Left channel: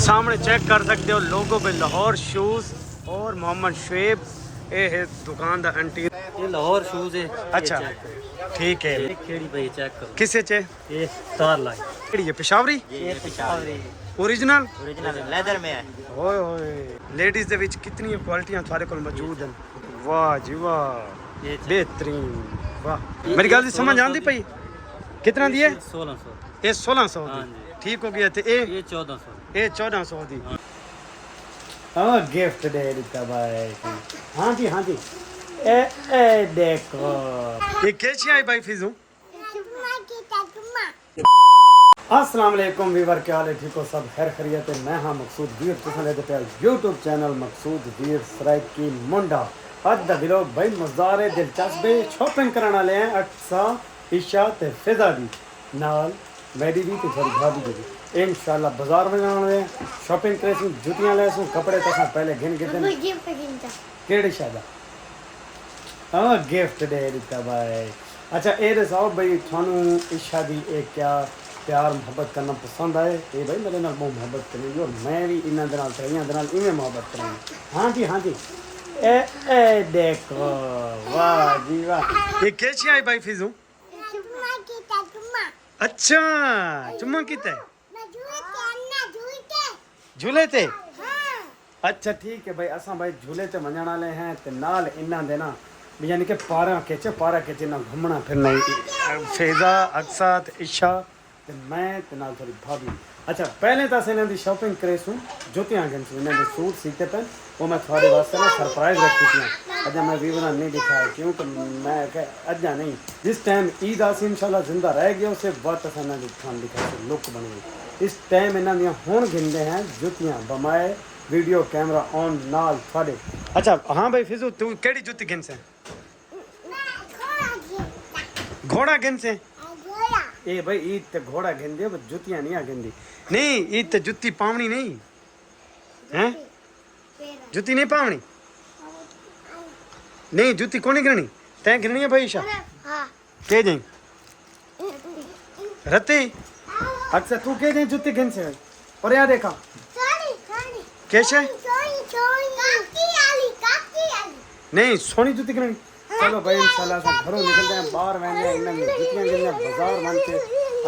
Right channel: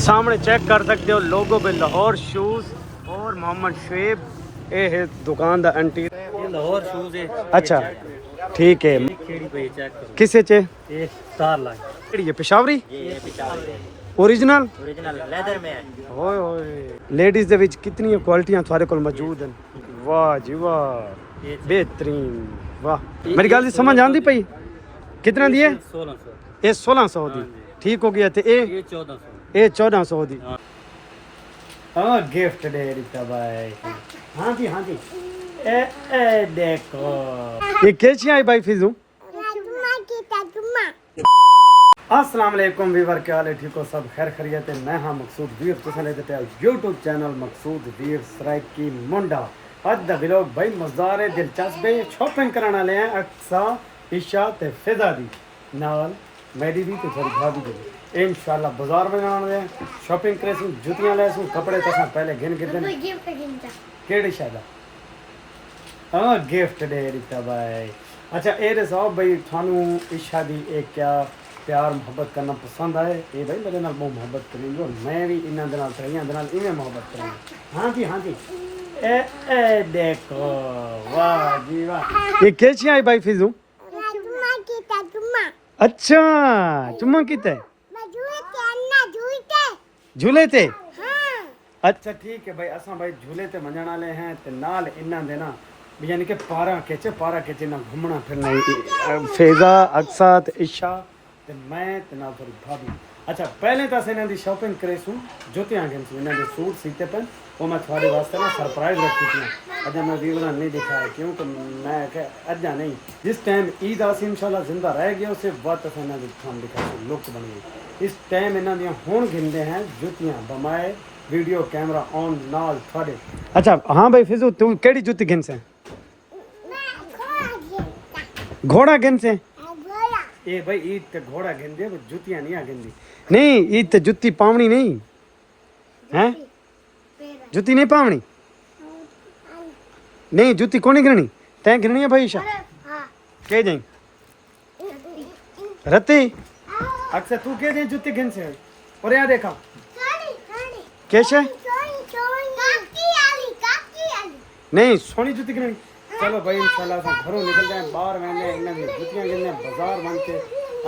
सामने चेक कर सकते हो लोगो पे लाहौर शूज़ और मोहम्मद शुएब। ये है दुकान दा एंटीरियर। ये लाहौर शूज़ है। अच्छा ठीक है। खेड़ी पे चेक करो। किसे चे ये स्टार लाइन। ये पेशावरी ये पेशावरी ओरिजिनल लेदर में है। ओए ओए लेडीज दे विच कितनी क्वालिटियां थारे कोल मौजूद हैं। वाह जी वाह बेहतरीन वाह। मेरी गल दी समझ आंदी पई कितने दी है? 1600। ये 1600 दी ठीक हो गया ते ये 1400। ये 1400 दी। हाँ गिफ्ट दे दिता भाई। हाँ जी हाँ जी। ए देखो ये कैसी आई भाई फिजू। अस्सलाम वालेकुम वीवर, क्या हाल है? ठीक हो सब? खैर खैरियत है। मैं हाँ मकसूद वीर, तुसा लेते पे यूट्यूब चैनल मकसूद वीर सराइकी मुंडा। अज दा व्लॉग भाई मज़ेदार है, दिलचस्प है। शॉपिंग कराने वाले हैं अक्सा ईशा ते फिजा दी नाल मेरी भी ते थोड़ी भाभी दी इंशाल्लाह बाजार में जाने हैं। शॉपिंग करेसू, जुतियां लेसू, कपड़े तसा पहले गिन के दिन केड़ी शायदा हां गिफ्ट दे दिता भाई। अच्छा ए दसो भाई थानू ईशा दी एक क्या प्यार मोहब्बत करना पसंद आए? ये भाई मेरे नाल बहुत मोहब्बत करेंगे और मैं भी इन्हां दे नाल करियां दे नाल इवें मोहब्बत करेंगे। हाँ जी हाँ जी। ए देखो वाह जी वाह। ये कैसी आई भाई फिजू? अच्छा चुम्मा कीता झूले ते। अच्छा ठीक है भाई, असा भाई झूले ते वजण वाले हैं ते नाल इन्हां दे ना यानी कि पारा के ना घूमना फिरना फेजा अक्सा ते ईशा ते मैं ते नाल थोड़ी भाभी। अच्छा पहले तो असें इन्हां दी शॉपिंग करेसू, जुतियां गिनसू, इन्हां दे सूट सीते पे वो मैं थोड़े वास्ते ना सरप्राइज रखी थी। अजा मैं वीवरा नहीं दिखाया क्योंकि मैं अजा नहीं, जिस टाइम ईद आसी इंशाल्लाह जिंदा रह गया उसे वक्त असें इन्हां दी थान दिखाई लुक बनी गई। इस टाइम इन्हां दियां हुण गिनदे हैं जुतियां बमाए वीडियो कैमरा ऑन नाल थोड़े। अच्छा हाँ भाई फिजू तू केड़ी जुती गिनसे? घोड़ा गिनसे? ए भाई ईद ते घोड़ा गिनदे पर जुतियां नहीं आ गिनदी। नहीं ईद ते जुती पावनी नहीं है, जुती नहीं पावनी नहीं, जुती कौन गिननी तैं गिननी है भाई ईशा के जाई रत्ती। अच्छा तू के जाई जुती गिन से और यहाँ देखा कैसे नहीं सोनी जुती गिननी। चलो भाई इंशाल्लाह असां घरों निकलते हैं, बाहर वहने इन्हां दी जुतियां गिनने बाजार वन के।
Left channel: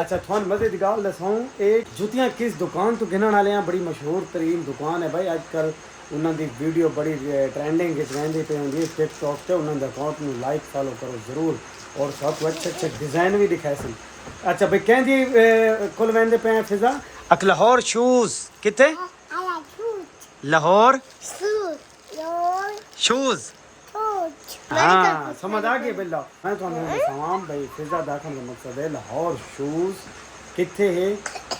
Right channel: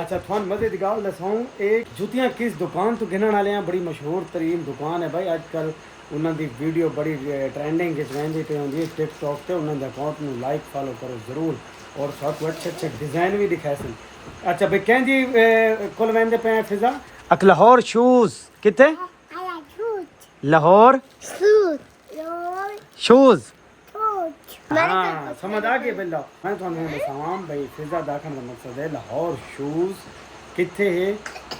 अच्छा थोन मजे की गल दसाऊं, एक जुतियां किस दुकान तो गिनण वाले हैं, बड़ी मशहूर तरीन दुकान है भाई। अजकल उन्हां दी वीडियो बड़ी ट्रेंडिंग रहंदी पे होंदी है टिकटॉक ते। उन्हां दे अकाउंट में लाइक फॉलो करो जरूर और सब अच्छे अच्छे डिजाइन भी दिखाए सन। अच्छा भाई कह जी कुल वेंदे पे हैं फिजा अक लाहौर शूज किते लाहौर शूज। हाँ समझ आ गई बिल्ला। मैं तो दसावां भाई फिजा दाखन का मकसद है लाहौर शूज किथे है?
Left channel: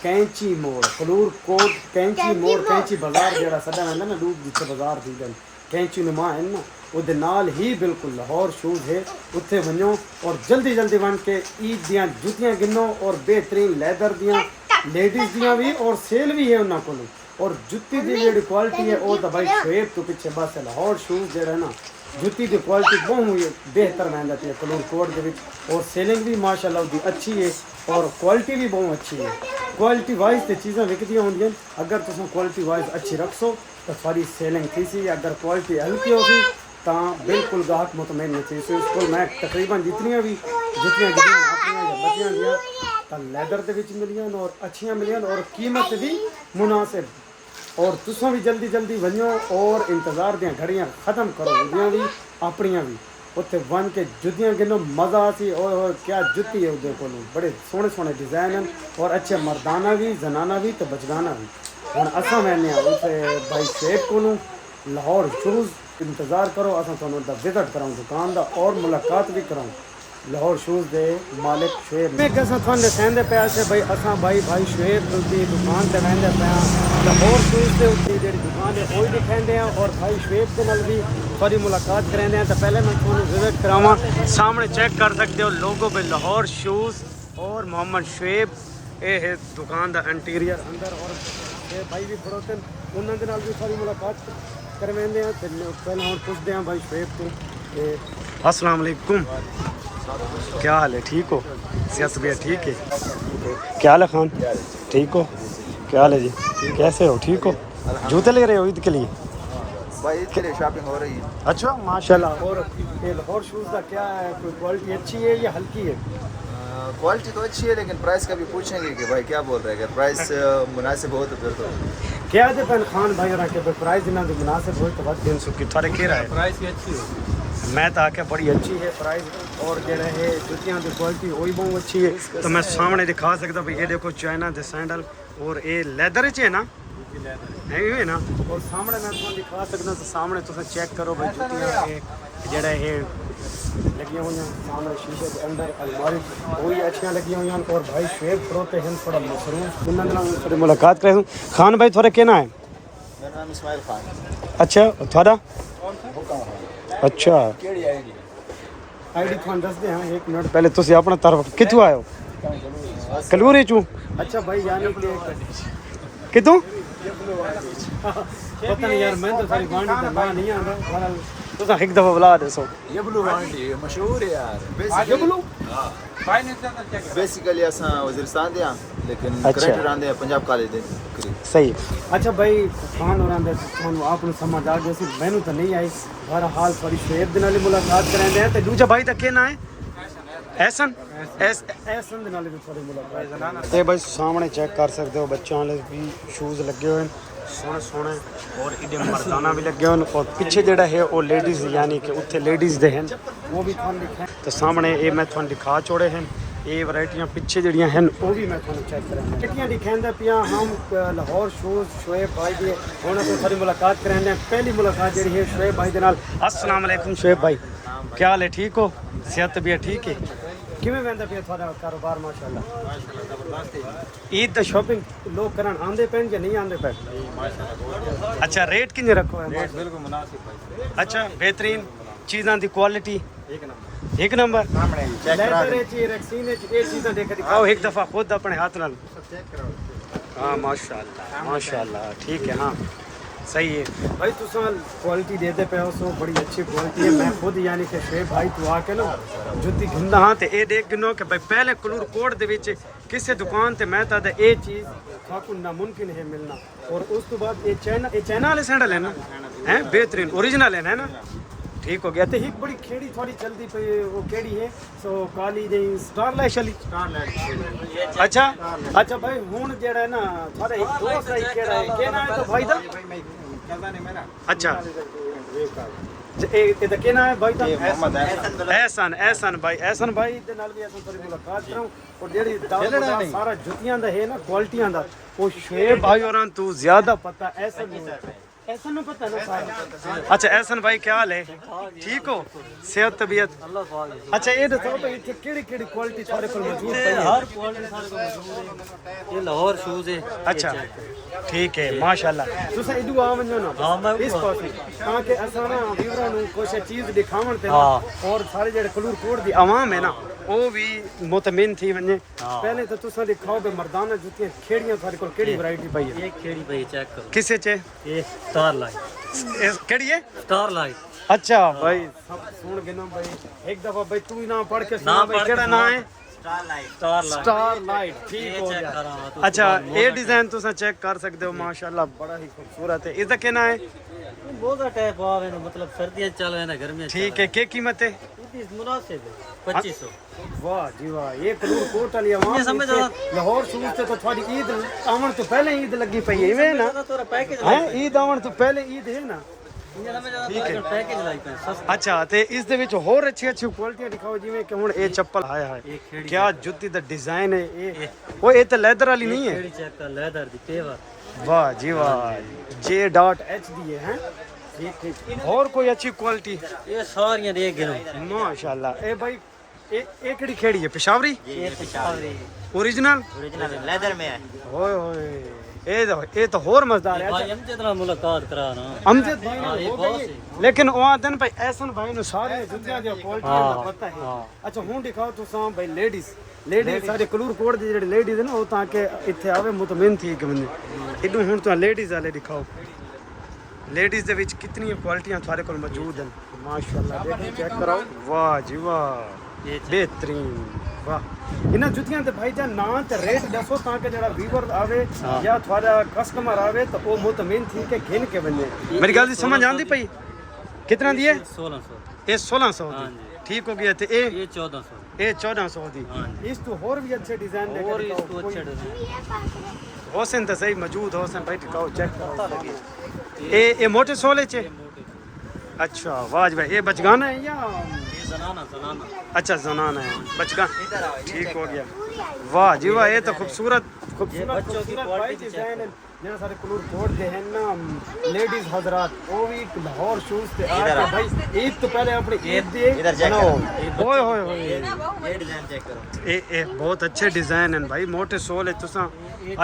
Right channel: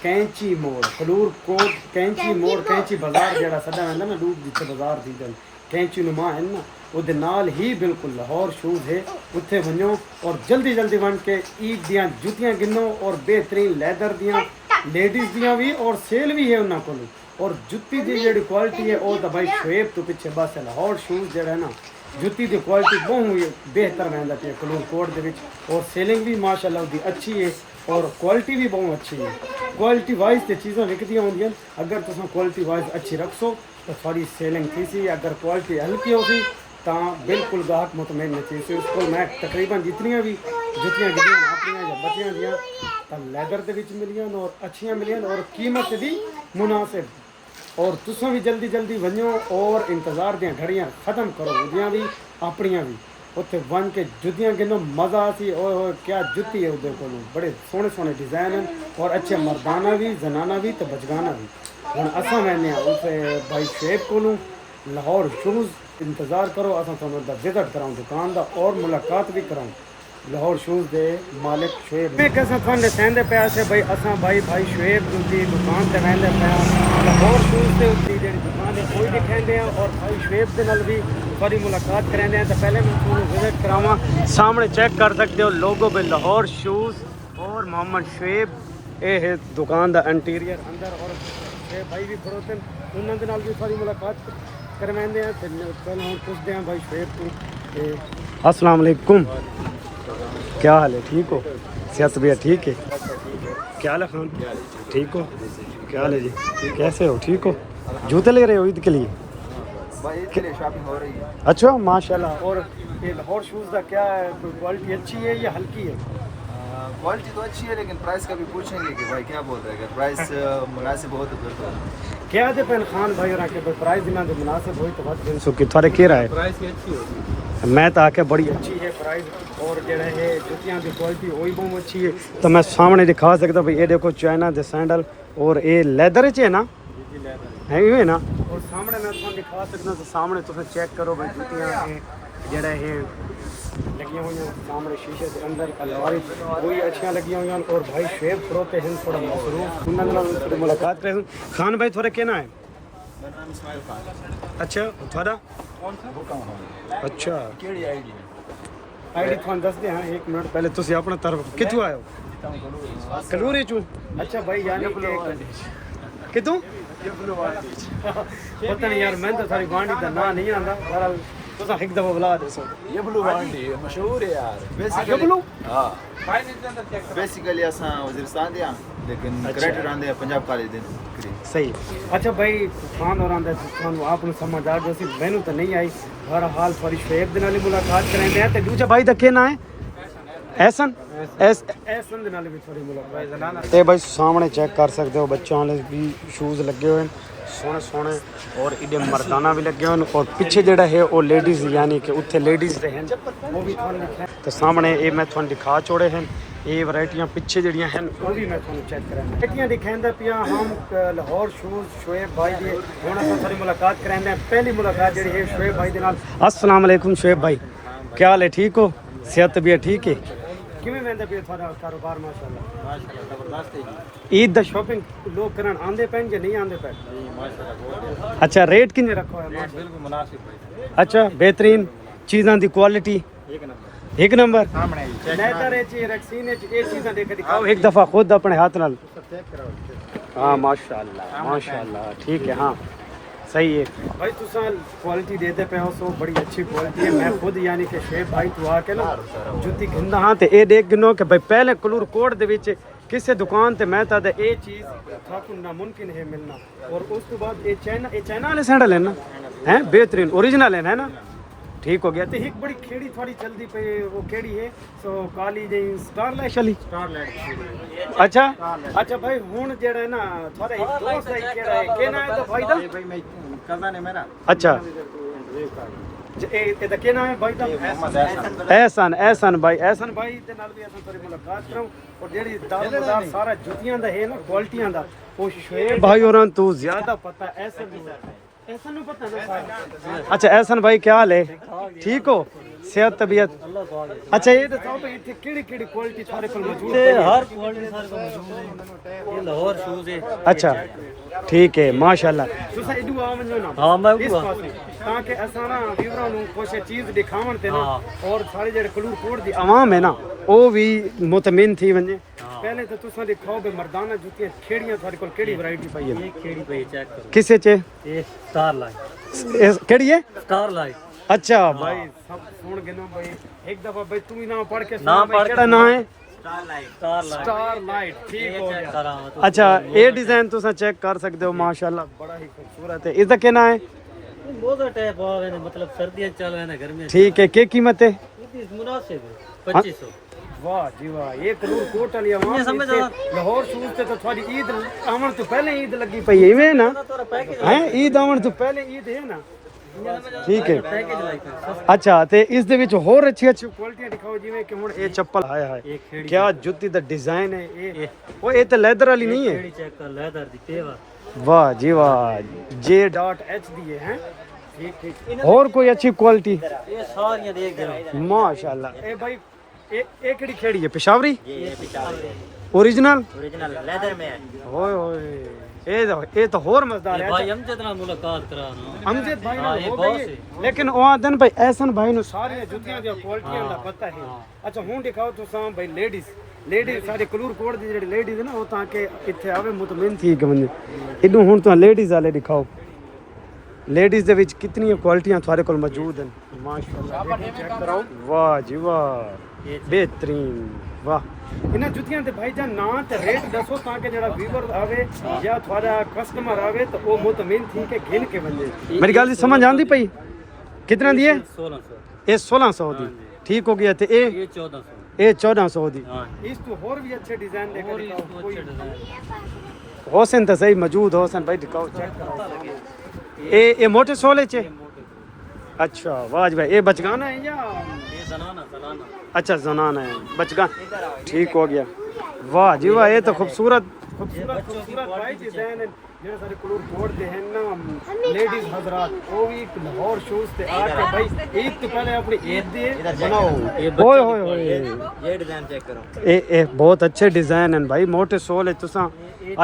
कैंची मोड़ फलूर कोट कैंची मोड़ कैंची बाजार जेड़ा सदा वेंदा ना दूर जिथे बाजार थी गल कैंची नुमा है ना उहदे नाल ही बिल्कुल लाहौर शूज है। उत्थे वञो और जल्दी जल्दी वन के ईद दियां जुतियां गिनो और बेहतरीन लैदर दियां लेडीज दियां भी और सेल भी है उन्हां कोल। और जुत्ती दी जेड़ी क्वालिटी है वो तो भाई शुएब तो पीछे बस लाहौर शूज जेड़ा है ना जुत्ती की क्वालिटी बहुत बेहतर महंगा है कलूर कोट के विच और सेलिंग भी माशाल्लाह दी अच्छी है और क्वालिटी भी बहुत अच्छी है। क्वालिटी वाइज तो चीज़ें विकदियाँ होंदियां, अगर तुम क्वालिटी वाइज अच्छी रखसो तो सारी सेलिंग थी सी। अगर क्वालिटी हल्की होगी तो बिल्कुल गाहक मुतमईन नहीं थी। उसको मैं तकरीबन जितनियाँ भी जुतियाँ गिदियाँ अपनियाँ या बच्चियाँ दियाँ तो लैदर के विच मिलियां और अच्छियाँ मिलियां और कीमत भी मुनासिब। और तुसों भी जल्दी जल्दी वनो और इंतज़ार दियां घड़ियां ख़त्म करो, उदियां भी अपनियां भी उत्थे वन के जुतियां गिनो मज़ा सी। और क्या जुती है उधर को बड़े सोहने सोहने डिज़ाइन हैं और अच्छे मर्दाना भी जनाना भी तो बचगाना भी। हुण असां वहने उस भाई शुएब को लाहौर शूज़ इंतज़ार करो, असां तुहानूं विजिट कराऊँ दुकान दा और मुलाकात भी कराऊँ लाहौर शूज़ दे मालिक शुएब। मैं कैसा तुहानूं दसांदे पिया से भाई असां भाई शुएब दी दुकान ते वहंदे पिया लाहौर शूज़ के उत्ती जी दुकान है वही दिखाते हैं और भाई शुएब के नाल भी थोड़ी मुलाकात कराते हैं। तो पहले मैं तुहानूं विजिट करावां। सामने चेक कर सकते हो लोगो पे लाहौर शूज़ और मोहम्मद शुएब। ये है दुकान का इंटीरियर अंदर और भाई भी खड़ोते हैं, उन्होंने नाल भी थोड़ी मुलाकात करवाते हैं। पहले हम पूछते हैं भाई शुएब तो अस्सलाम वालेकुम, क्या हाल है? ठीक हो? सेहत भी ठीक है? क्या हाल है खान? ठीक हो? क्या हाल है जी? कैसे हो? ठीक हो? जूते ले रहे हो ईद के लिए? भाई ईद के लिए शॉपिंग हो रही है। अच्छा माशाल्लाह। और ये लाहौर शूज़ का क्या है, कोई क्वालिटी अच्छी है या हल्की है? क्वालिटी तो अच्छी है लेकिन प्राइस का भी पूछेंगे कि भाई क्या बोल रहे हैं। अगर प्राइस मुनासिब हो तो फिर तो क्या दे पैन खान भाई और के प्राइस ना तो मुनासिब हो तो बस 300 की थोड़े कह रहा है प्राइस भी अच्छी है। मैं तो आके बड़ी अच्छी है प्राइस और जड़ा है जुतियां की क्वालिटी वही बहुत अच्छी है। तो मैं सामने दिखा सकता भाई ये देखो चाइना दे सैंडल और ये लेदर च है ना, है ये ना। और सामने मैं तुम दिखा सकता तो सामने तुम चेक करो भाई जुतियां जड़ा है लगी हुई सामने शीशे के अंदर अलमारी वही अच्छी लगी हुई और भाई शेब खड़ोते हैं थोड़ा मसरूफ उन्होंने थोड़ी मुलाकात करें। खान भाई थोड़ा कहना है? मेरा नाम इस्माइल खान। अच्छा थोड़ा अच्छा केड़ी आईडी आईडी तुम दस दे हाँ 1 मिनट पहले तुम अपना तरफ कितों आयो? कलूरी चू। अच्छा भाई यानी कि कितों पता नहीं यार मैं तो सारी गांडी का ना नहीं आंदा बहरहाल तुम एक दफा बुला दसो। ये ब्लू वांडी मशहूर है यार। ये बोलो बेसिकली असां वजीरिस्तान दे हां लेकिन अच्छा। ग्रेटर आंदे हैं पंजाब कॉलेज दे करीब। सही। अच्छा भाई खान और आंदा ਤੁਹਾਨੂੰ ਆਪ ਨੂੰ ਸਮਝ ਆ ਗਈ ਸੀ ਮੈਨੂੰ ਤਾਂ ਨਹੀਂ ਆਈ। ਬਹਰਹਾਲ ਥੋੜੀ ਸ਼ੇਬ ਦੇ ਨਾਲ ਹੀ ਮੁਲਾਕਾਤ ਕਰਾਂਦੇ ਆ ਤੇ ਦੂਜਾ ਭਾਈ ਦਾ ਕੀ ਨਾਂ ਹੈ? ਐਸਨ ਐਸਨ ਦੇ ਨਾਲ ਵੀ ਥੋੜੀ ਮੁਲਾਕਾਤ। ਇਹ ਭਾਈ ਸਾਹਮਣੇ ਚੈੱਕ ਕਰ ਸਕਦੇ ਹੋ ਬੱਚਿਆਂ ਵਾਲੇ ਵੀ ਸ਼ੂਜ਼ ਲੱਗੇ ਹੋਏ ਨੇ सोने सोने और इधर मर्दाना भी लगे हुए और पीछे जड़ा है वो लेडीज़ यानी कि उत्थे लेडीज़ दे हैं वो भी थोड़ा लिखा है। तो सामने ये मैं थोड़ा दिखा छोड़े हैं ये वैरायटियाँ पीछे जड़ियाँ हैं वो भी मैं थोड़ा चेक कराना वैरायटियाँ दिखाते पिया हम लाहौर शूज़ शोएब भाई दिए होना तो थोड़ी मुलाकात कराते। पहली मुलाकात जी है शोएब भाई के नाल। अस्सलाम वालेकुम शोएब भाई, क्या हाल है? ठीक हो? सेहत तबीयत ठीक है? किवें वंदा पिया थोड़ा कारोबार? माशाल्लाह माशाल्लाह जबरदस्त है जी। ईद दा शॉपिंग लोग करन आंदे पैन या नहीं आंदे पैन? माशाल्लाह बहुत अच्छा रेट किन्ने रखो है? बिल्कुल मुनासिब भाई। अच्छा बेहतरीन चीज़ां दी क्वालिटी एक नंबर एक नंबर लेदर च रक्सीन च ये चीज़ां देख दिखाओ एक दफ़ा खुद अपने हाथ नाल। हाँ माशाल्लाह माशाल्लाह ठीक है। हाँ सही है भाई तुसा क्वालिटी देते पे हो सो बड़ी अच्छी क्वालिटी है। मैं खुद यानी कि शेब भाई तू आके ना जुत्ती घिंदा हाँ तो ये देख गिनो कि भाई पहले कलूर कोट दे विच किसी दुकान ते मैं तो ये चीज़ थाकू नामुमकिन है मिलना। और उस तो बाद ये चाइना वाले सैंडल है ना हैं बेहतरीन ओरिजिनल है ना। ठीक हो गया। तो एक बड़ी खेड़ी थोड़ी चलती पे वो केड़ी है सो काली जी स्टार लाइट चली। अच्छा अच्छा भाई हुन जेड़ा है ना थोड़ा एक दोस्त है केड़ा है केना है तो भाई दा भाई मैं कज़न है मेरा। अच्छा ਇਹ ਦਾ ਕੀ ਨਾਮ ਹੈ ਭਾਈ ਦਾ? ਐਹਸਨ ਭਾਈ ਐਹਸਨ ਭਾਈ ਦੇ ਨਾਲ ਵੀ ਅਸੀਂ ਥੋੜੀ ਮੁਲਾਕਾਤ ਕਰਾਂ। ਔਰ ਜਿਹੜੀ ਦਾਰਮਦਾਰ ਸਾਰਾ ਜੁੱਤੀਆਂ ਦਾ ਹੈ ਨਾ ਕੁਆਲਿਟੀਆਂ ਦਾ ਉਹ ਸ਼ੇਬ ਭਾਈ ਹੋਰਾਂ ਤੋਂ ਜ਼ਿਆਦਾ ਪਤਾ ਐਹਸਨ ਨੂੰ ਐਹਸਨ ਨੂੰ ਪਤਾ ਨਾ ਸਾਰਾ। ਅੱਛਾ ਐਹਸਨ ਭਾਈ ਕੀ ਹਾਲ ਹੈ? ਠੀਕ ਹੋ? सेहत तबीयत अल्लाह को आगे। अच्छा ये बताओ भाई इतनी केड़ी क्वालिटी सारे को मौजूद पई है? हर क्वालिटी सारे को मौजूद है। ये लाहौर शूज़ है। अच्छा ठीक है माशाल्लाह। तुसा इदू आ वणो ना हाँ, मैं इस पासे ताकि असा ना व्यूअरां नु कुछ चीज दिखावन ते ना और सारे जेड़े कलूर कोट दी आवाम है ना वो भी मुतमिन थी वने। पहले तो तुसा दिखाओ बे मर्दाना जुतियां खेड़ियां थारे कोल केड़ी वैरायटी पई है? ये खेड़ी पे चेक करो किसे चे? ये स्टार लाइट केड़ी है? Star light. अच्छा भाई सब सुन गिनो भाई एक दफा भाई तू ही ना पढ़ के ना सुना भाई केड़ा नाम है? Star light. स्टार लाइट ठीक हो चेक गया। करा तो अच्छा ये डिजाइन तुसा चेक कर सकते हो माशाल्लाह बड़ा ही खूबसूरत है। इसका क्या नाम है? ये बहुत टाइप आवे ने मतलब सर्दियां चल रहे हैं गर्मियां ठीक है क्या कीमत है? ये मुनासिब है 2500। वाह जी वाह ये कलूर कोट वाली आवाम ये समझ इत्थे लाहौर सूज ते तो थोड़ी ईद आवन तो पहले ईद लगी पई है ना थोड़ा पैकेज हैं? ईद आवन तो पहले ईद है ना ठीक है। पैकेज लाइक सस्ता। अच्छा ਤੇ ਇਸ ਦੇ ਵਿੱਚ ਹੋਰ ਅੱਛੀ ਕੁਆਲਿਟੀਆਂ ਦਿਖਾਓ ਜਿਵੇਂ ਕਿ ਹੁਣ ਇਹ ਚੱਪਲ ਆਇਆ ਹੈ ਕਿਆ ਜੁੱਤੀ ਦਾ ਡਿਜ਼ਾਈਨ ਹੈ ਇਹ ਤਾਂ ਲੈਦਰ ਵਾਲੀ ਨਹੀਂ ਹੈ? खेड़ी चेक कर लेदर दी पेवर। वाह जी वाह J.H दी है ठीक ठीक। और कोई अच्छी क्वालिटी? ये सारियां देख गिनो। माशाल्लाह ए भाई ये केड़ी खेड़ी है? पेशावरी ये पेशावरी ओरिजिनल ओरिजिनल लेदर में है। ओए ओए ये तो और मजेदार है। भाई हम जितना मुलाकात करा ना अमजद भाई नाल हो गई है लेकिन ओ आदन भाई एहसन भाई नु सारी जुतियां दी क्वालिटीयां दा पता है। अच्छा हुन दिखाओ तुसां भाई लेडीज सारे कलूर कोट दी जेड़ी लेडीज है ना ओ ताके इत्थे आवे मुतमिन थी कि बंदे इदू हुन तो लेडीज वाले दिखाओ। लेडीज दे विच कितनी क्वालिटीयां थारे कोल मौजूद हैं माशाल्लाह देखें चेक कराओ। वाह जी वाह बेहतरीन वाह इन्हां जुतियां ते भाईजान ना ते रेट दसो ताकि जेड़ा व्यूअर आवे या थोड़ा कस्टमर आवे तो वो मुतमिन थी के घिन के वने मेरी गल दी समझ आंदी पई कितने दी है 1600 ये 1600 दी ठीक हो गया ते ये 1400 ये 1400 दी हाँ इस तो और भी अच्छे डिजाइन लेकर और दिखाओ इसको कोई अच्छे डिजाइन होसन तो सही मौजूद होसन भाई दिखाओ चेक करो ये मोटे सोले चे अच्छा वाह जी भाई ये बचगाना है या ये जनाना अच्छा जनाना है बचगान ठीक हो गया वाह जी वाह ये तो खूबसूरत खूबसूरत भाई डिजाइन है जिन्हें सारे कलर कोड दे हैं ना लेडीज हजरात वो भी लाहौर शूज ते आके भाई ईद तो पहले अपनी ईद दे बनाओ ओए होए होए ये डिजाइन चेक करो ये बहुत अच्छे डिजाइन हैं भाई मोटे सोल है तुसा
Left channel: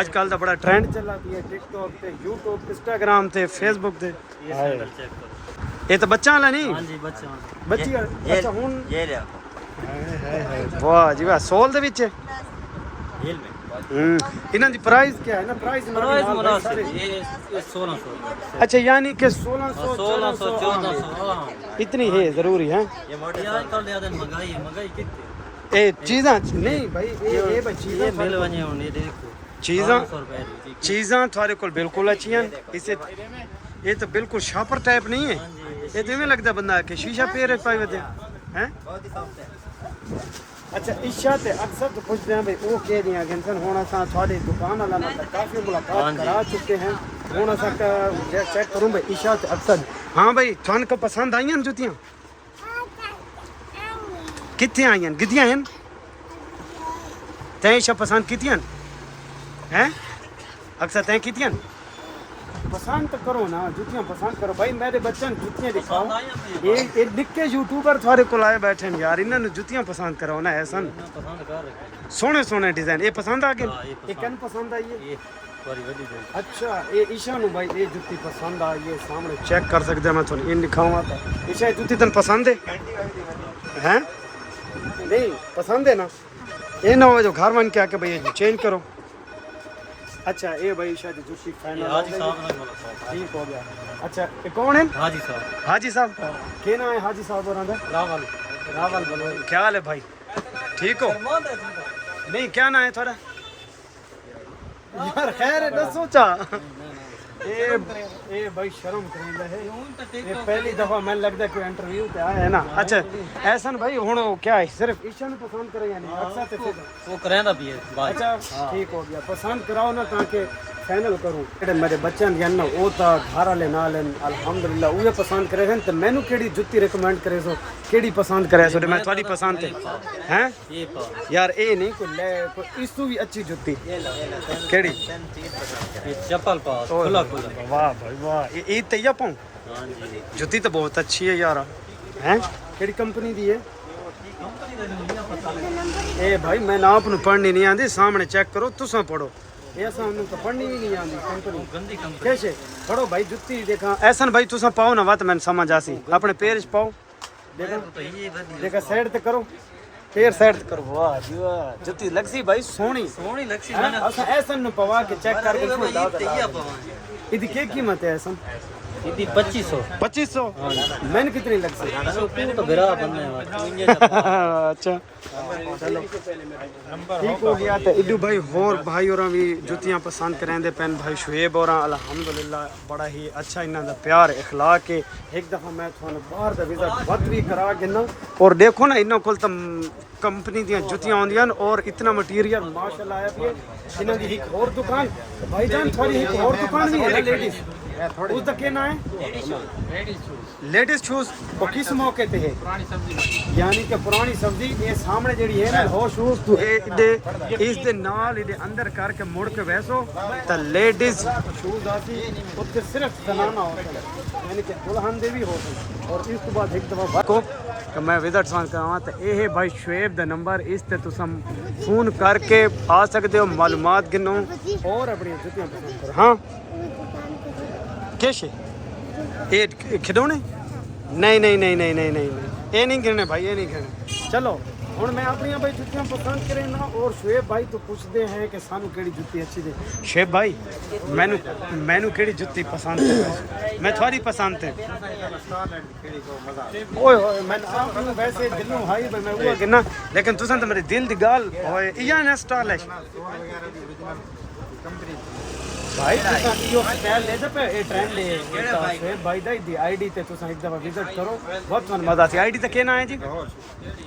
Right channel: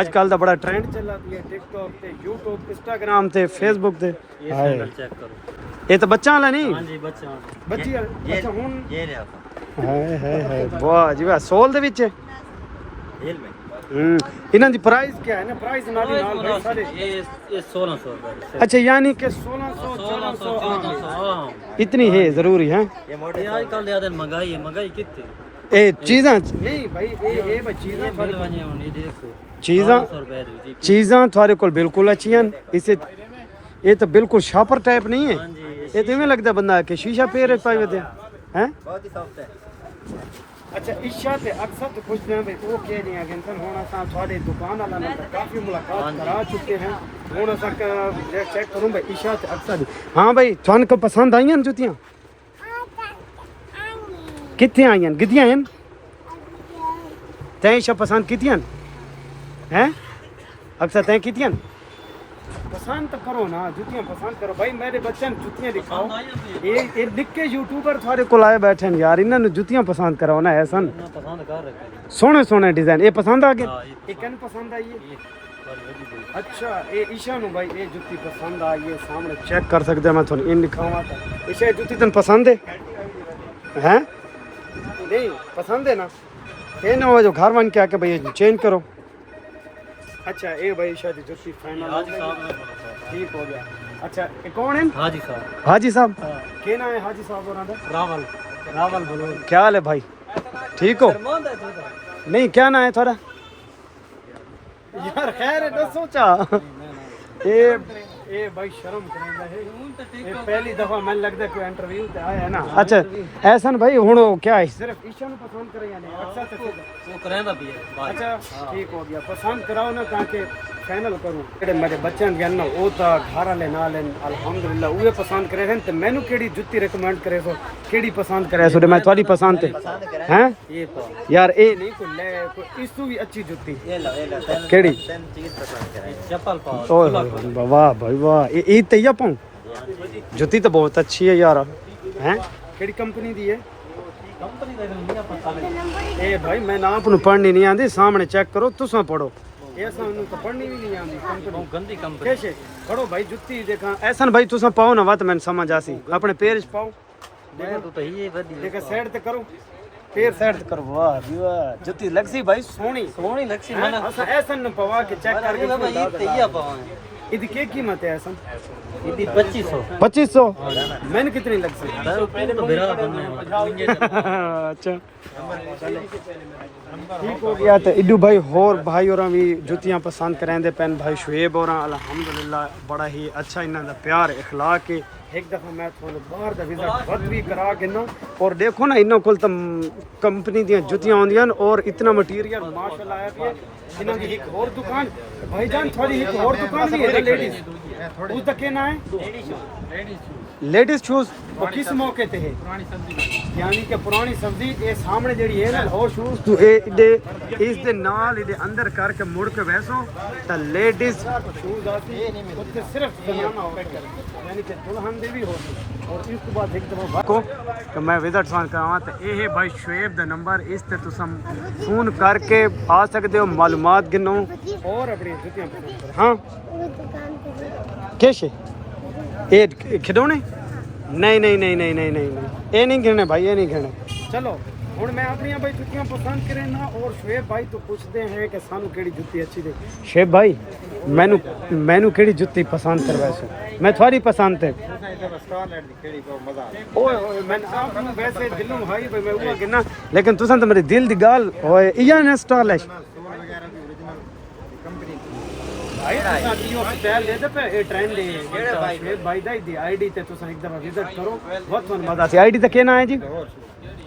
आजकल दा बड़ा ट्रेंड चला दिया टिकटॉक ते यूट्यूब इंस्टाग्राम ते फेसबुक ते ये सैंडल चेक करो ये तो बच्चा वाला नहीं हाँ जी बच्चा बच्ची अच्छा हुन ये लिया है वाह जी वाह सोल दे विच हिल में इन्हां दी प्राइस क्या है ना प्राइस नाल भाई सारे ये 1600 रुपए अच्छा यानी कि 1600 1400 आम है। हाँ इतनी है जरूरी है ये मोटे आजकल ज्यादा महंगाई है महंगाई कितनी ए चीज़ां नहीं भाई ये भाई चीज़ां बिल वने होने देखो चीज़ां 100 रुपए दी चीज़ां थारे कोल बिल्कुल अच्छियां इसे ये तो बिल्कुल शापर टाइप नहीं है ये तो इवें लगदा बंदा कि शीशा पेर पाई वदे हैं बहुत ही सॉफ्ट है अच्छा इच्छा ते अक्सर तो पूछते हैं भाई वो कह रहे हैं जंसन होना सा थोड़े दुकान वाला ना काफ़ी मुलाकात करा चुके हैं होना सा चेक करूं भाई इच्छा ते अक्सर हाँ भाई थान को पसंद आई हैं जुतियां कितने आई हैं गिद्दियां हैं तैं इच्छा पसंद कीतियां हैं अक्सर तैं कीतियां पसंद तो करो ना जुतियां पसंद करो भाई मेरे बच्चन जुतियां दिखाओ ये निक्के यूट्यूबर थारे को लाए बैठे हैं यार इन्होंने जुतियां पसंद कराओ ना ऐसा पसंद कर रखे सोने सोने डिजाइन ये पसंद आ गए हाँ, ये कन पसंद आई है ये बड़ी बड़ी है। अच्छा ये ईशा नु भाई ये जुत्ती पसंद आई है सामने चेक कर सकते हैं मैं थोड़ी इन दिखाऊंगा तो ईशा ये जुत्ती तन पसंद है हैं नहीं पसंद है ना ये ना हो जो घर वन के आके भाई ये चेंज करो अच्छा ये भाई शायद जुत्ती फाइनल हो गई ठीक हो गया अच्छा ये कौन है हाजी साहब हाजी साहब क्या नाम है हाजी साहब और रावल रावल बोलो क्या हाल है भाई ठीक हो नहीं क्या नाम है थोड़ा यार खैर है दसो चा ये भाई शर्म करेंदा है ये पहली दफा मैंने लगता है कोई इंटरव्यू ते आया है ना अच्छा ऐसा भाई हुन क्या है सिर्फ ईशा नु पसंद करे या नहीं अक्सर ते फिर वो करेंदा भी है अच्छा ठीक हो गया पसंद कराओ ना ताकि फाइनल करूं जेडे मेरे बच्चन दी ना ओ ता घर वाले नाल अल्हम्दुलिल्लाह उहे पसंद करे हैं ते मैनू केड़ी जुत्ती रिकमेंड करे सो केड़ी पसंद करे सो मैं थोड़ी पसंद हैं ये पा यार ए नहीं को ले को इस तू भी अच्छी जुत्ती ये ला केड़ी चीज पसंद करे चप्पल पा ओए वाह भाई वाह ये तैया पन जुत्ती तो बहुत अच्छी है यार हैं केड़ी कंपनी दी है ए भाई मैं ना आपनु पढ़नी नहीं आंदी सामने चेक करो तुसा पढ़ो ऐसा उन्हें तो पढ़नी भी नहीं आंदी कंपनी गंदी कंपनी कैसे पढ़ो भाई जुत्ती देखा ऐसा भाई तुसा पाओ ना बात मैंने समझ आसी अपने पैर च पाओ देखो तो ये बढ़िया देखा साइड ते करो पैर साइड ते करो वाह जी वाह जुत्ती लगसी भाई सोहनी सोनी लक्ष्मी हैं असा ऐसा न पवा के चेक करके ये उसमें दाद तैया पावन इदी क्या कीमत है ऐसा ये 2500 2500 मैंने कितनी लगसी तो बिरा बनने वाला अच्छा चलो ठीक हो गया तो इडू भाई होर भाई और भी जुतियां पसंद करेंदे पेन भाई शुएब और अल्हम्दुलिल्लाह बड़ा ही अच्छा इन्हां दा प्यार इखलाक है एक दफा मैं थानू बाहर दा विजिट वत भी करा के ना और देखो ना इन्हां कोल तो कंपनी दी जुतियां आउंदियां और इतना मटीरियल माशाल्लाह आया पे इन्हां दी एक और दुकान भाईजान थोड़ी एक और दुकान भी है ना लेडीज उसका क्या नाम है लेडीज शूज वो किस मौके ते है यानी कि पुरानी सब्जी ये सामने जेडी है ना लाहौर शूज दे इस दे नाल इदे अंदर करके मुड़ के वैसो ता लेडीज शूज आती उत्ते सिर्फ जनाना होता है यानी कि दुल्हन दे भी होते और इस तो बाद एक दफा को कि मैं विजिट सान करावां ते ये भाई शुएब दा नंबर इस ते तुम फोन करके आ सकते हो मालूमात गिनो और अपनी जुतियां पसंद करो हाँ कैसे ये खिडौने नहीं नहीं नहीं नहीं नहीं नहीं नहीं ये नहीं गिरने भाई ये नहीं गिरने चलो हुण मैं अपनी भाई जुतियां पसंद करे ना और शुएब भाई तो पूछते हैं कि सानू केड़ी जुत्ती अच्छी दे शुएब भाई मैनू केड़ी जुत्ती पसंद करवा मैं थोड़ी पसंद है ओए ओए मैं आप नु वैसे दिलों भाई भाई मैं हुआ किना लेकिन तुसन तो मेरे दिल दी गाल ओए इया ने स्टाइलिश भाई तुसा यो स्टाइल दे पे ए ट्रेंड है एक दफा से भाई दी आईडी ते तुसा एक दफा विजिट करो बहुत मन मजा से आईडी ते केना है जी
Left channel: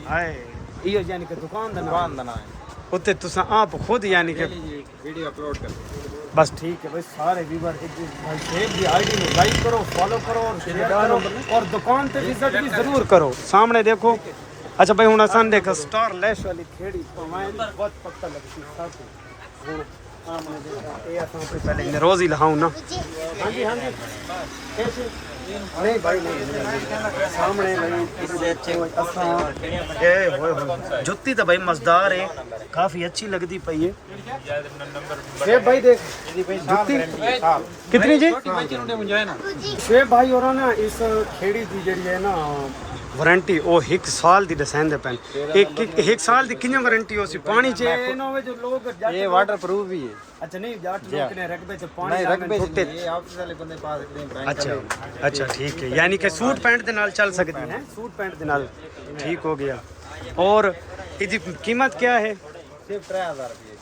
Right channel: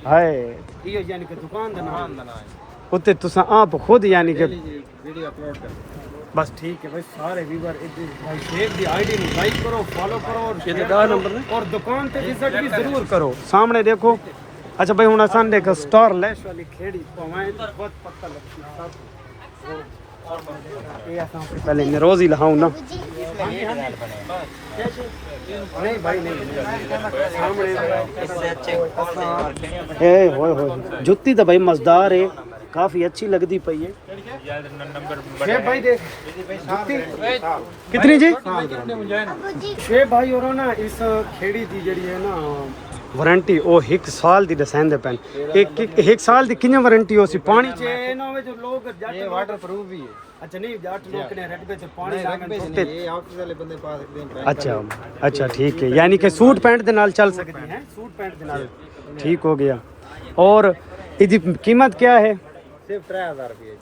हाय इयो यानी कि दुकान दा नाम उत्ते तुसा आप खुद यानी कि वीडियो अपलोड कर बस ठीक है भाई सारे व्यूअर एक भाई शेख की आईडी में लाइक करो फॉलो करो और शेयर करो और दुकान पे विजिट भी जरूर करो सामने देखो अच्छा भाई हुन असन देख स्टार लैश वाली खेड़ी पवाए बहुत पक्का लगती है ये असन पहले रोज ही लहाऊं ना हां जी कैसे नहीं भाई नहीं सामने भाई असा ए होए जुत्ती तो भाई मजेदार है काफी अच्छी लगती पई है शेब भाई देख जुत्ती कितनी जी शेब भाई और ना इस खेड़ी की जड़ी है ना वारंटी ओ 1 साल दी दसेंदे पेन एक साल दी किन्नी वारंटी हो सी पानी च ना होवे जो लोग जट ये वाटर प्रूफ भी है अच्छा नहीं जट लोग ने रकबे च पानी रकबे लागन ये ऑफिस वाले बंदे पास एकदम अच्छा अच्छा ठीक है यानी कि सूट पैंट दे नाल चल सकती है सूट पैंट दे नाल ठीक हो गया और इसकी कीमत क्या है सिर्फ 3000 रुपए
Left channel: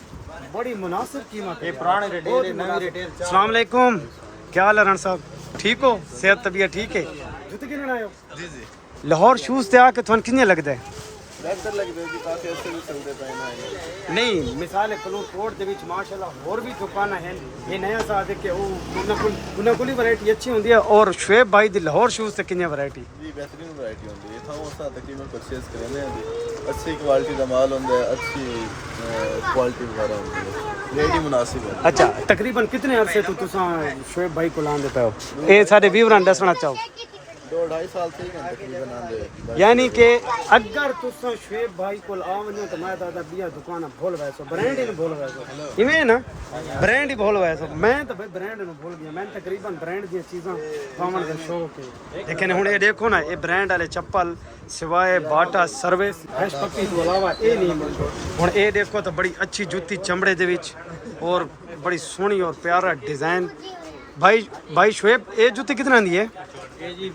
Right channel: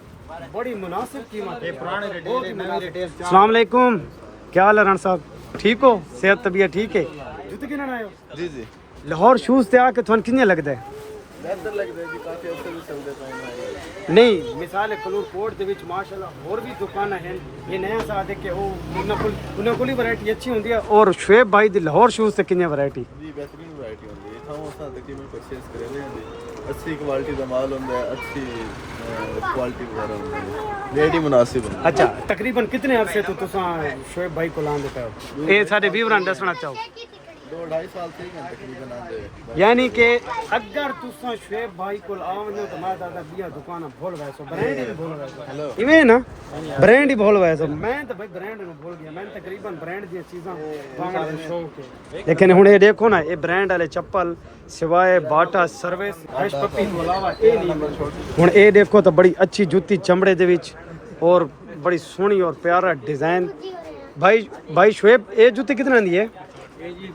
बड़ी मुनासिब कीमत है पुराने रिटेल नई रिटेल अस्सलाम वालेकुम क्या हाल है रण साहब ठीक हो सेहत तबीयत ठीक है जुत्ते किन आए हो जी जी लाहौर शूज ते आके थोन किन्ने लगदा है बेहतर लगदा है कि काफी अच्छे भी चलदे पे नहीं मिसाल कलूर कोट दे विच माशाल्लाह और भी दुकान हैं ये नया सा देखे ओ उन्हें कोई वैरायटी अच्छी होंदी है और शुएब भाई दी लाहौर शूज ते किन्ने वैरायटी जी बेहतरीन वैरायटी होंदी है थां उस तकरीबन परचेस करने हैं अच्छी क्वालिटी दा माल होंदा है अच्छी क्वालिटी वगैरह होंदी है रेट ही मुनासिब है अच्छा तकरीबन कितने अरसे तो तुसा शुएब भाई को लांदे पे हो ए साडे व्यूअरां दसना चाहो 2-2.5 साल से ही तकरीबन आंदे यानी कि अगर तुसा शुएब भाई को आवनो तो मैं दादा बिया दुकान भूल गए सो ब्रांड ही भूल गए सो इवें ना ब्रांड ही भूल गए सो मैं तो भाई ब्रांड नु भूल गया मैं तकरीबन ब्रांड दी चीजां पावन दा शौक है लेकिन हुन ये देखो ना ये ब्रांड वाले चप्पल सिवाय बाटा सर्विस हैश पप्पी तो अलावा ये नहीं मिलते हुन ये देखो तो बड़ी अच्छी जुत्ती चमड़े दे विच और बड़ी सोहनी और प्यारा डिजाइन भाई शुएब ये जुत्ती कितना दी है ये जी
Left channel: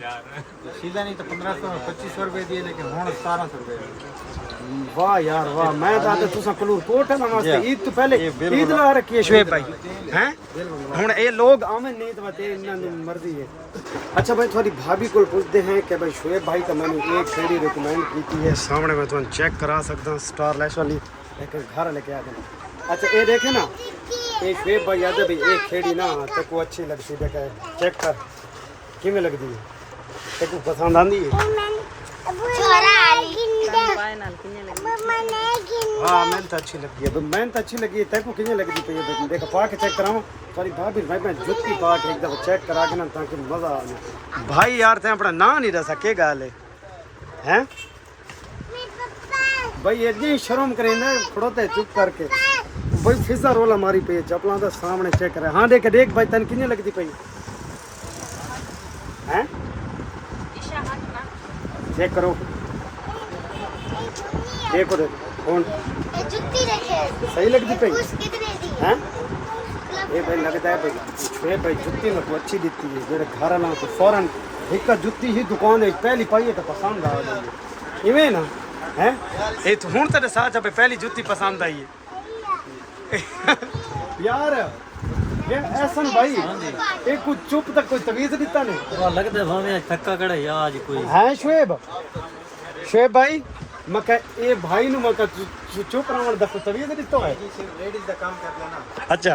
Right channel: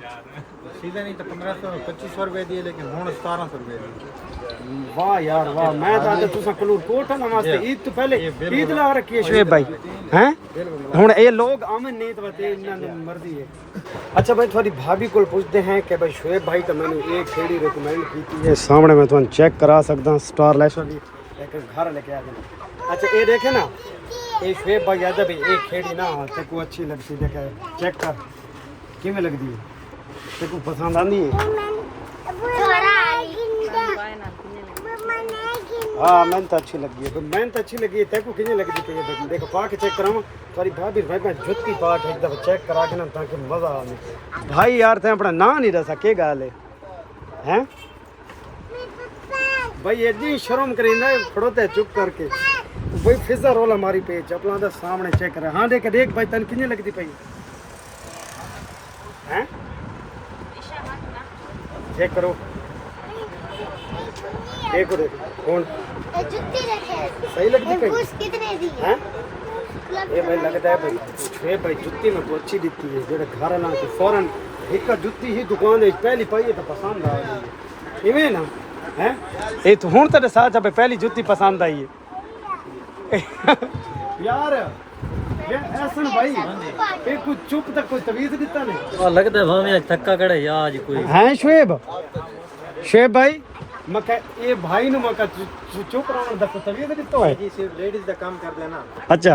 सीधा नहीं तो 1500-2500 रुपए दिए लेकिन हुन 1700 रुपए वाह यार वाह मैं तो तुसा कलूर कोट ना वास्ते ईद तो पहले ईद ला रखी है शुएब भाई हैं हुन ये लोग आवन नहीं तो ते इन्ना मर्जी है अच्छा भाई थोड़ी भाभी को पूछते हैं कि भाई शुएब भाई तो मैंने एक खेड़ी रिकमेंड की है सामने मैं तुम चेक करा सकदा स्टार लैश वाली लेकिन घर लेके आ गए अच्छा ये देखे ना ये शुएब भाई याद है भाई एक खेड़ी ना ते को अच्छी लगती देखे चेक कर किमें लगती है ते को पसंद आंदी है हाँ मैं तो अच्छी लगी है मैं तो अच्छी लगी है तेको किने लगी थी ये देख पा के चेक कराऊं सारी भाभी भाई मैं जुत्ती पा के एक दफा चेक करा के ना ताकि मजा आवे भाई यार ते अपना ना नहीं रसा के गाल है भाई इतनी शर्म करेंदा खड़ोते चुप करके भाई फिजा रोल हमारी पे चपला दा सामने चेक करे हां देख भाई तन किने लगती पई हैं चेक करो देखो कौन जुत्ती रखे सही लगती पई कितने दी हैं ये भाई लगता है भाई छे भाई जुत्ती में तो अच्छी दिखती है जेड़े घर ना तो फौरन एक जुत्ती ही दुकान में पहली पाई तो पसंद आ गई इवें ना हैं ये तो हुन तेरे साथ भाई पहली जुत्ती पसंद आई है यार ये ऐसा भाई एक कुछ चुप तक कोई तवीज दिता नहीं और लगदा है भाਵੇਂ थक्का कड़े या आज कोई हैं शुएब भाई मका ये भाई नु मका चुप रहन दा तवीज दितो है जी सिर्फ लेडीज दा काम कर लेना अच्छा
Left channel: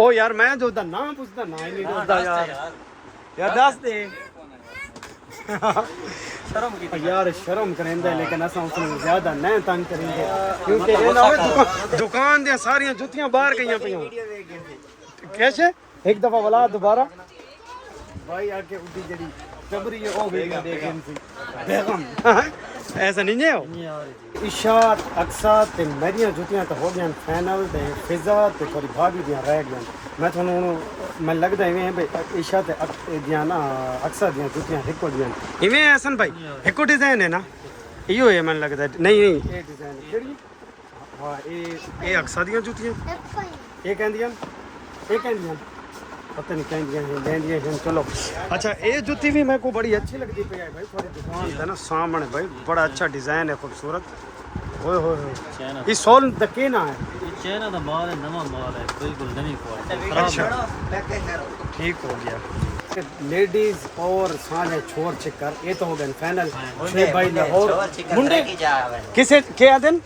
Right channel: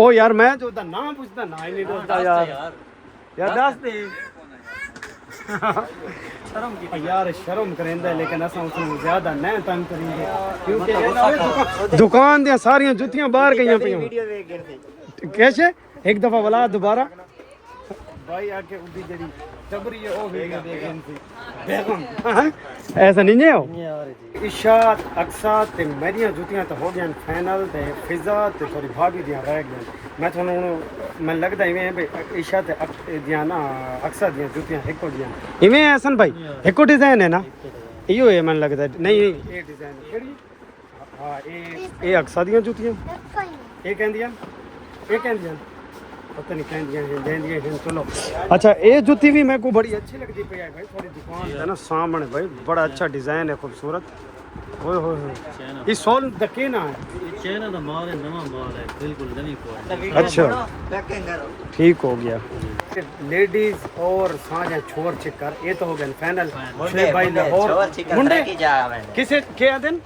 ओ यार मैं जो दा नाम पूछदा ना ही नहीं दसदा यार दस दे यार शर्म करेंदा लेकिन असा उसनु ज्यादा न तंग करेंगे क्योंकि ये ना होवे दुकान दे सारी जुतियां बाहर गईयां पई वीडियो देख गए कैसे एक दफा बुला दोबारा भाई आके उदी जड़ी जबरी है ओ वीडियो देख इनसी बेगम ऐसा नहीं है हो इशात अक्सा ते मेरियां जुतियां तो हो गया फाइनल ते फिजा ते थोड़ी भाभी दियां रह गई मैं थानू मैं लगदा इवें है भाई इशात ते दियां ना अक्सा दियां जुतियां हिको दियां इवें हसन भाई हिको डिजाइन है ना इयो है मन लगदा नहीं ये डिजाइन केड़ी हां ये अक्सा दियां जुतियां ये कहंदियां पता नहीं कहदियां हैं देंदियां हैं चलो। अच्छा ये जूती भी मेरे को बड़ी अच्छी लगती पे है भाई, थोड़ी दुकान है ना सामने भाई, बड़ा अच्छा डिजाइन है खूबसूरत। ओए होए होए ये सोल दके ना है। चाइना का माल है, नवा माल है, कोई कोई नहीं पड़ा। अच्छा ठीक हो गया। लेडीज और साझा छोर चिकर ये तो हो गए फाइनल। शुएब भाई लाहौर मुंडे किसे के आदन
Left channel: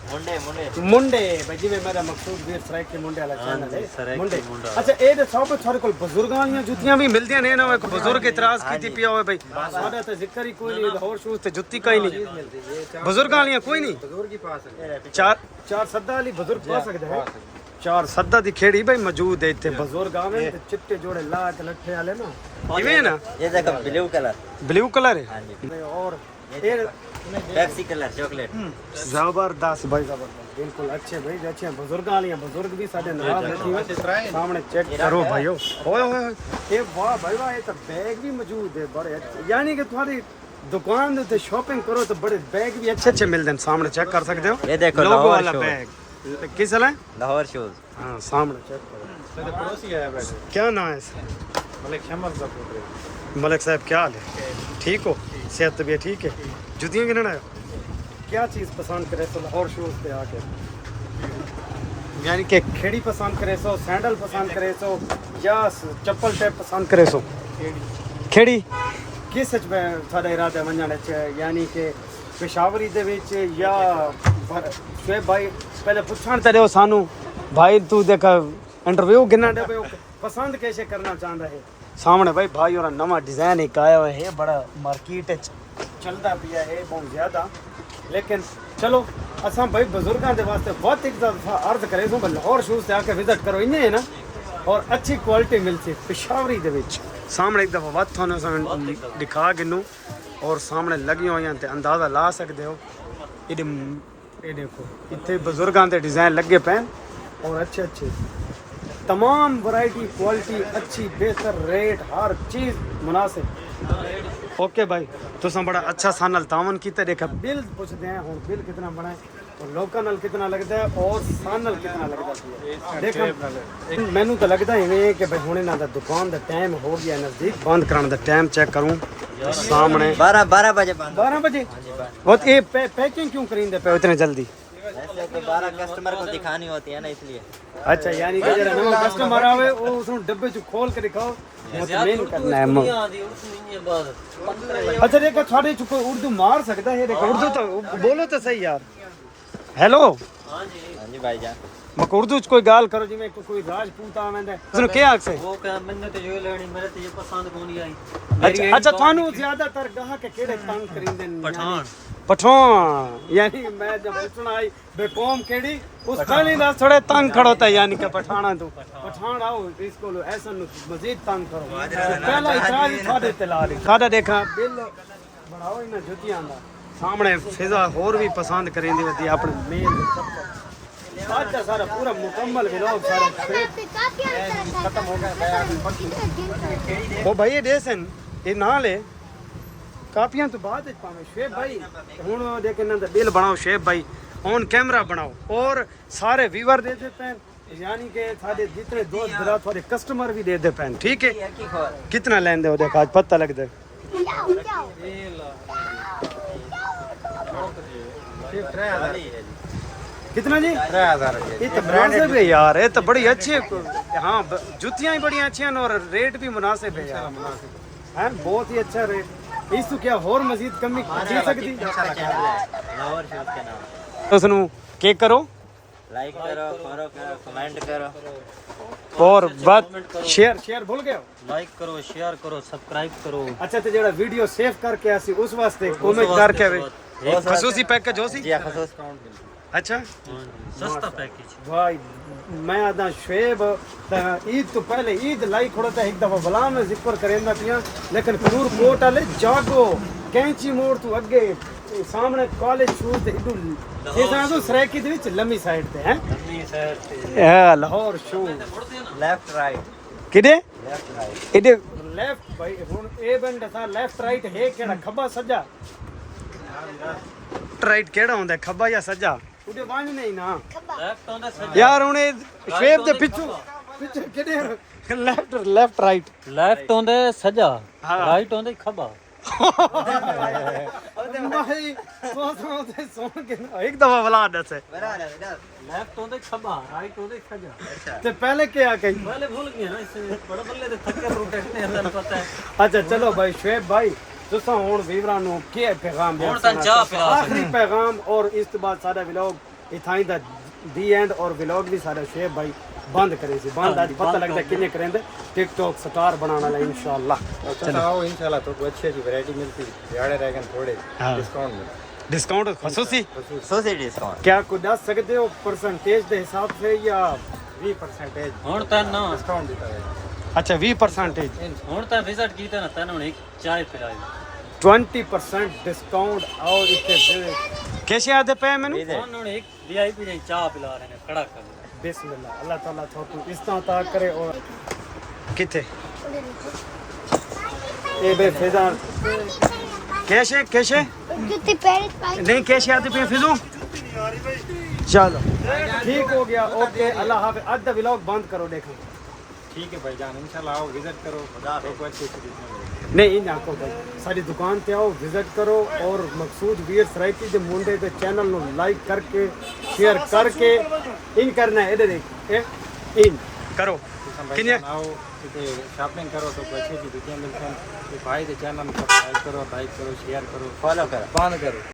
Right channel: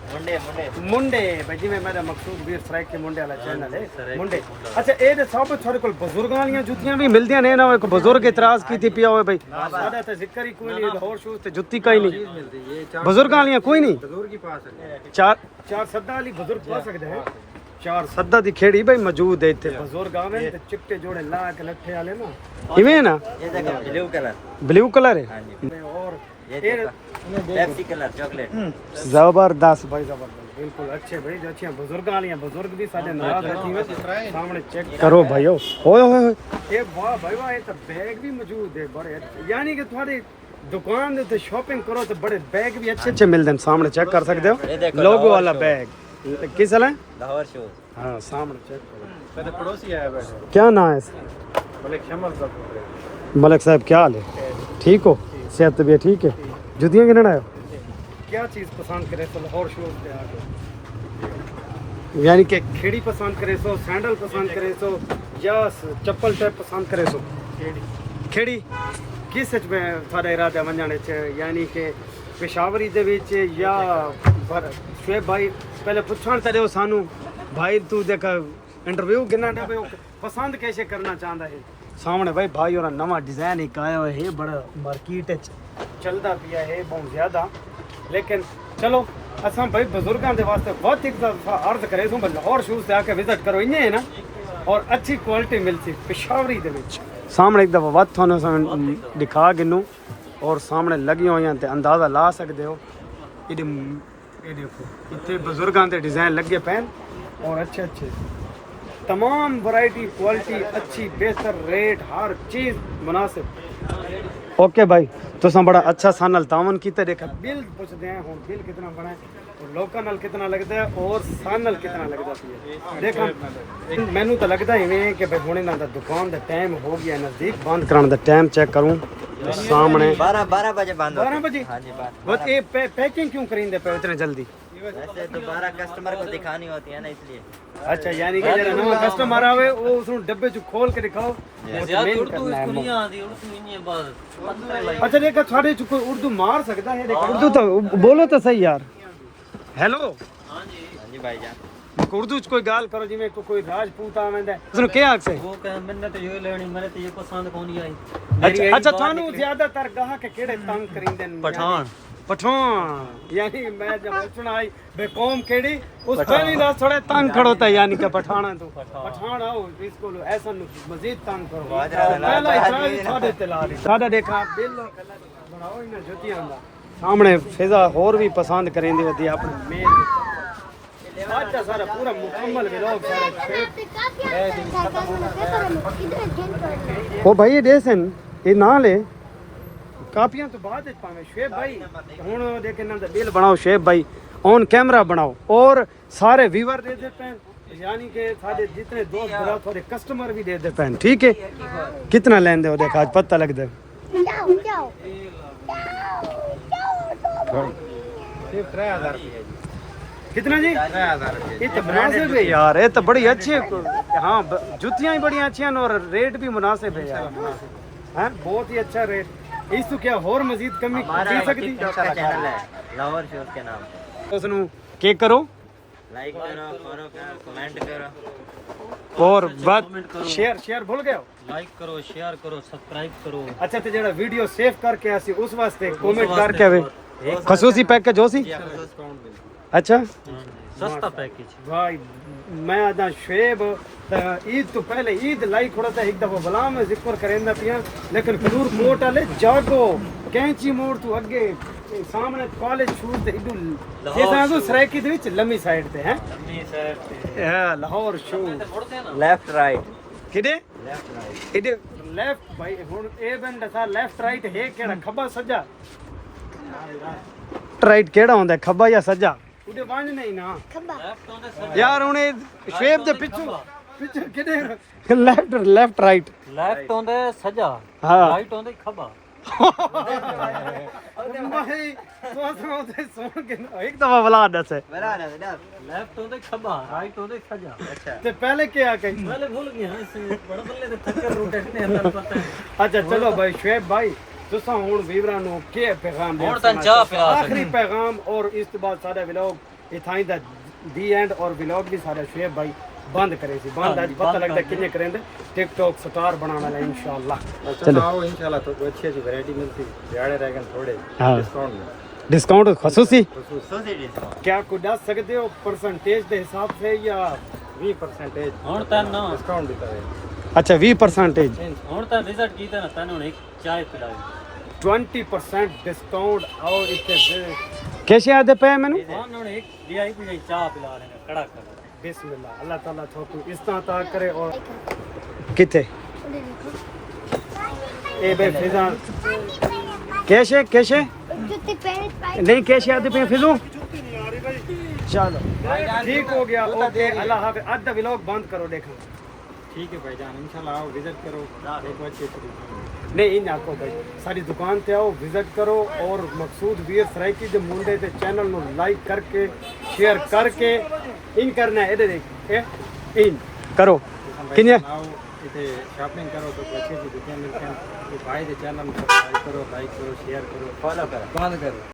मुंडे भाई जी, मेरा मकसूद वीर फ्राइक के मुंडे वाला चैनल है मुंडे। अच्छा ये दे सब थोड़े कोल बुजुर्गां वाली जुतियां भी मिलदियां ने ना, एक बुजुर्ग इतराज कीती पिया होवे भाई साडा ते जिक्र ही कोई नहीं, लाहौर शूज ते जुत्ती का ही नहीं, बुजुर्गां वाली कोई नहीं। बुजुर्ग ही पा सकते, चार सद्दा वाली बुजुर्ग पा सकते हैं। चार सद्दा दी खेड़ी भाई मौजूद है इतने बुजुर्ग आवे ते चिट्टे जोड़े ला के लट्ठे वाले ना इवें ना। ये देखो ब्लू कलर है और ये पेप्सी कलर चॉकलेट। जबरदस्त भाई जबरदस्त बिल्कुल अच्छे भाई जो अच्छे बुजुर्ग वाली बुजुर्ग भी साडे नाराज रखी हुए सामने चेक करो भाइयों। ओए ओए ये वाह भाई वाह, ये तो बैग भी मौजूद है बड़े अच्छे, यानी कि तुम्हारी दुकान ते शॉपिंग करो तो बड़े बैग भी अच्छे अच्छे मिलते हैं। सामने चेक कर सकते हो लोगो वाला बैग किस है लाहौर शूज। हाँ सामने चेक करो। मैंने पड़ोसी आया बैठे क्या नाम है इसका? मलिक साहब क्या हाल है? ठीक हो? सेहत तबीयत ठीक है? जुतियाँ गिनना है? क्या चीज़ पसंद करे सो लाहौर शूज पे आके, यानी कि खेड़ी पसंद करे सो, सैंडल पसंद करे सो या चप्पल टाइप पसंद करे सो? खेड़ी किस थोड़ा इरादा वंजने च, यानी कि पेशावरी दे विच या शुएब भाई पहले पुछण ते दियो सानू भाई तू देख इंटरव्यू गिना दे पे पसंद कैसे करना चाहता है। सामने भाई भाई और नवा डिजाइन एक आया हुआ है, बड़ा मार्केट चलता पिया है बहुत ज्यादा, लेकिन चलो असां भाई बुजुर्गों के वास्ते बहुत एक दफा अर्ज करे सो लाहौर शूज से आके विजिट करो, इन्हें है ना और अच्छी क्वालिटी मिलती पेशावरी दे विच। सामने एक दफा वत थानू दिखा गिनू और सामने लगी हुई ते अंदाजा ला सकते हो। ये देखो इतने बुजुर्गों के डिजाइन लगे पे और अच्छे अच्छे तमाम वैरायटी क्वालिटी अच्छी बेहतर रेट हर चीज़ मुनासिब। ओके भाई तुसा बड़ा अच्छा सानल तावन की देखा बिल पुछते हैं हूँ बिल कितना बना है और लोकल कितना लगता है और सानल कितना लगता है। देख मैनू तो लगता ही नहीं कि भाई हुणे ना दुकान का टाइम हो गया नज़दीक, बंद कराने का टाइम चेक करूँ तो सामने 12 बजे बंद। 12 बजे? हाँ जी बंद। और ये पैकिंग क्यों करेंगे पे इतने जल्दी? वैसे तो 12 कस्टमर को दिखानी होती है ना इसलिए। अच्छा यानी कि जरा नवा कस्टमर आवे वो उसनु डब्बे चो खोल के दिखाओ वो तो मेन करना है। अच्छा देखो थोड़े चो कोई उर्दू मार सकता है, देखो उर्दू तो बोलो तो सही यार। हेलो हाँ जी भाईजान मक उर्दू च कोई गाल करो जिवें कोई राजपूत आवेंदा है उसनु क्या आख से? वो कह मैंने तो ये लेनी मेरे तो ये पसंद कोनी आई। अच्छा थानू ज्यादातर गाहक केड़े तंग करिंदे ने? पठान यानी मैं जब पूछना आई बेकौम केड़ी उस पहले ना थोड़ा तंग खड़ोता यानी कि पठाना तू पठान आओ इसको ऐसा मजीद तंग करो पहला इतराज ही साडे ते ला दी साडा देखा बिल बनाओ इन जुतियां दा सामने फिजा और भी पसंद करेंदी होती अपने मेल आज का सारा पूरा मुकम्मल व्लॉग सारा ओ भाई देसन ये ना ले कापियां तो बाद पावे शुएब भाई हुन देख इन्हां दा बिल बनाओ शुएब भाई ऑन कैमरा बनाओ और सारे व्यूअर दे देते हैं, यानी कि सारे जितने दोस्त दरा थोड़े कस्टमर भी दे देते हैं। ठीक है कितना लेन दे देखा आज पता लग दे 3000 कितना जी? 3000 ये तो मुनासिब है यार, ये तो बड़ी अच्छी हाँ जुतियां ही बड़ी अच्छी हैं और रेट भी मुनासिब है यार। हैं बहुत ही अच्छा रेट। इस तो क्या और मजीद कमी की सकती चैनल है लाहौर शूज के नाम तो उसनु के करो लाइक करो फॉलो करो कमेंट करो और बात शेयर भूल गए हो? लाइक करो शेयर करो सब्सक्राइब करो। अच्छा तो जेड़ा वीडियो सेव करके आसी उस वास्ते कमेंट करके आवे खसूसी पैकेज होसी? अच्छा सस्ता पैकेज भाई मैं आदा शुएब ईद तो पहले ईद लाई खड़ा था एक दफा बला में जिक्र करेंदा पिया, लेकिन फलूर कोट वाले जागो कैंची मोड़ तू अगे सामने कॉलेज शूज ते इडू जैसा तो सरायकी दे विच लम्मी साइड ते हैं लम्मी साइड ते लाहौर शूज लेफ्ट राइट किदे लेफ्ट राइट इडे लेफ्ट भाई हुन ए बंदा सा लेफ्ट राइट है केड़ा खब्बा सज्जा राइट केड़ा होंदा खब्बा या सज्जा उडे वांज नहीं ना लेफ्ट होंदा यार हुने शुएब दे पिछू किदे ਲੈਫਟ ਲੈਫਟ ਰਾਈਟ ਲੈਫਟ ਹੁੰਦੇ ਸੱਜਾ ਹਾਂ। ਰਾਈਟ ਹੁੰਦੇ ਖੱਬਾ ਭਾਈ ਸੋਚ ਸੁਣ ਕੇ ਇੱਕ ਦਫਾ ਬੁਲਾ ਦੱਸ ਲੈਫਟ ਹੁੰਦੇ ਖੱਬਾ ਰਾਈਟ ਹੁੰਦੇ ਸੱਜਾ ਤੇ ਪਹਿਲੇ ਕੀ ਆ ਕੇ पहले भूल गया ना इसे बड़े बल्ले तो थक्कर रूट है अल्लाह पता है ਅੱਛਾ ਚਲੋ ਭਾਈ ਸ਼ੁਐਬ ਭਾਈ ਤੁਸੀਂ ਹੁਣ ਵੀਵਰਾਂ ਨੂੰ ਕੀ ਪੈਗਾਮ ਹੁਣ ਤਾਂ ਚਾਹ ਪਿਲਾ ਸਕਦੇ। ਆਖਰੀ ਪੈਗਾਮ ਔਰ ਇਸ ਤੋਂ ਬਾਅਦ ਸਾਡਾ ਵਲੌਗ ਇਥਾਂ ਦਾ ਦੀ ਐਂਡ ਔਰ ਵਲੌਗ ਵੀ ਸਾਡਾ ਸ਼ੁਐਬ ਭਾਈ ਬੰਦ ਕਰੇ ਸੀ ਬੰਦ ਅੱਜ ਪਤਾ ਲੱਗਦਾ ਕਿੰਨੇ ਕरेंगे टिकटॉक स्टार बनाने वाला इंशाल्लाह चलो आओ इंशाल्लाह तो कोई अच्छी अच्छी वैरायटी मिलती दिहाड़े रह गए थोड़े हाँ। डिस्काउंट में डिस्काउंट खसूसी सोचे डिस्काउंट क्या कुछ दस सकते हो परसेंटेज के हिसाब से या 20% ਹੁਣ ਤਾਂ ਨਾ डिस्काउंट देता है अच्छा 20% ਹੁਣ ਤਾਂ ਵਿਜ਼ਿਟ ਕੀਤਾ ਨਾ ਤੈਨੂੰ ਇੱਕ ਚਾय ਪਿਲਾਈ 20% डिस्काउंट और इतने कैसे आते पे मैंने ਉਹਨਾਂ ਨੇ ਇੱਕ ਵੀਆਈਪੀ ਦੀ ਚਾਹ ਪਿਲਾ ਰਹੇ ਨੇ ਖੜਾ ਕਰ बिस्मिल्लाह अल्लाह ताला थोको इस तरह ता करे और किथे ए बे फिजा कैसे कैसे जुत्ती पहनी पाई नहीं कैसे आते पे फिजू चलो ठीक हो गया ओके अल्लाह हाफिज आज दा व्लॉग बंद करो देखो ठीक है भाईजान इंशाल्लाह आओ विजिट करो देखो अच्छी अच्छी चीज़ें। नहीं इन आको भाई सारी दुकान पे आओ विजिट करो और मकसूद वीर सराइकी जो मुंडे ते चैनल नु लाइक करके शेयर करके इन करना है इधर देख ए इन करो किन्ने आओ इतने शॉपिंग करो तो अच्छी अच्छी चीज़ें मिलते हैं भाई के चैनल सब्सक्राइब करो लाइक करो शेयर करो फॉलो करो बंद करो